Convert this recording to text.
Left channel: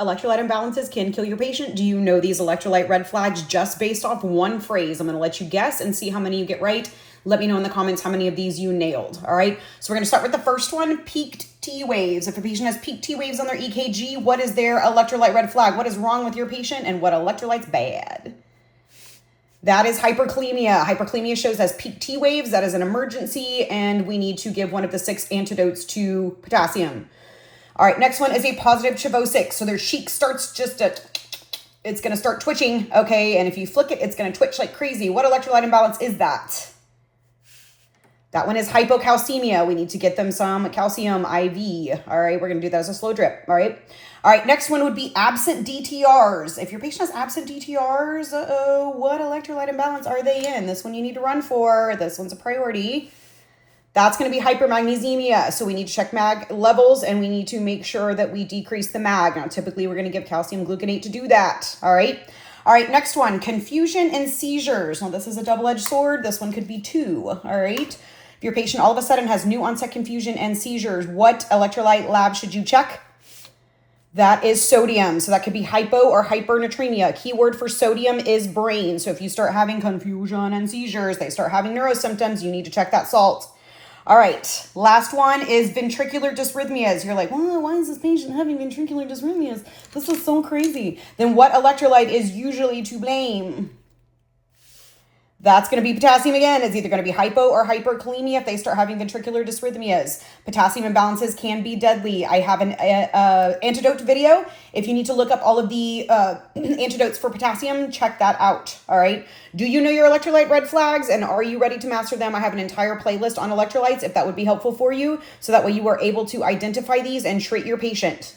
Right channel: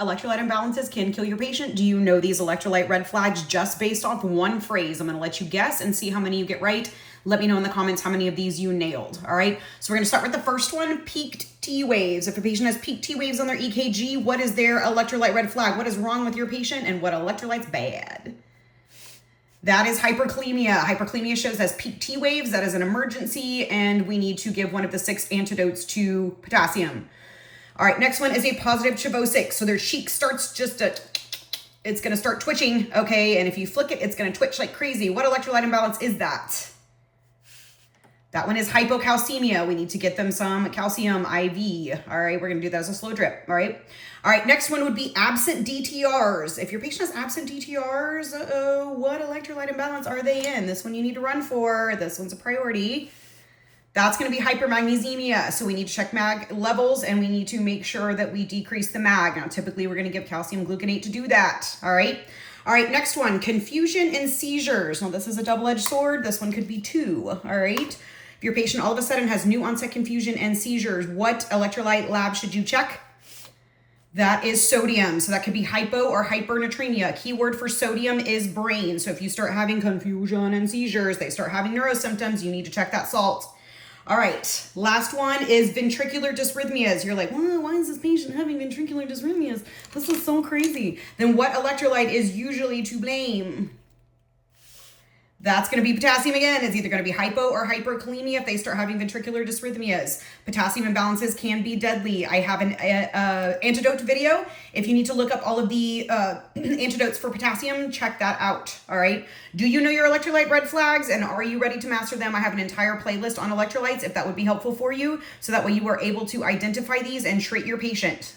Electrolyte imbalances can kill your patient. Do you know these electrolyte red flags just based off one phrase? I'm going to let you guess and see how many you get right. Let me know in the comments how many of these you nailed. All right. So we're going to start with the first one, peaked T waves. If a patient has peaked T waves on their EKG, what is their electrolyte red flag? What is wrong with your patient and what electrolyte's bad? That is hyperkalemia. Hyperkalemia shows as peak T waves. That is an emergency, and we need to give one of the 6 antidotes to potassium. All right, next one is a positive Chavosis. So their cheek starts it's going to start twitching, okay? And if you flick it, it's going to twitch like crazy. What electrolyte imbalance is that? That one is hypocalcemia. We need to get them some calcium IV. All right, we're going to do that as a slow drip, all right? All right, next one would be absent DTRs. If your patient has absent DTRs, what electrolyte imbalance are they in? This one you need to run for. This one's a priority. That's going to be hypermagnesemia. So we need to check mag levels and we need to make sure that we decrease the mag. Now, typically we're going to give calcium gluconate to do that. All right. All right. Next one, confusion and seizures. Now, this is a double-edged sword. This one could be 2. All right. If your patient all of a sudden has new onset confusion and seizures, what electrolyte lab should you check? That is sodium. So that could be hypo or hypernatremia. Keyword for sodium is brain. So if you start having confusion and seizures, they start having neurosymptoms, you need to check that salt. All right, last one is ventricular dysrhythmias. You're like, well, why is this patient having ventricular dysrhythmias? This is so crazy. Then what electrolyte is usually to blame? That's going to be potassium again. It's either going to be hypo or hyperkalemia if they start having ventricular dysrhythmias. Potassium imbalances can be deadly. I have an antidote video. If you need to look up all of the antidotes for potassium, check that out. All right. Do you know your electrolyte red flags and are you ready to master them? I have an entire playlist on electrolytes if that would be helpful for you. So that way you are able to identify these and treat your patient.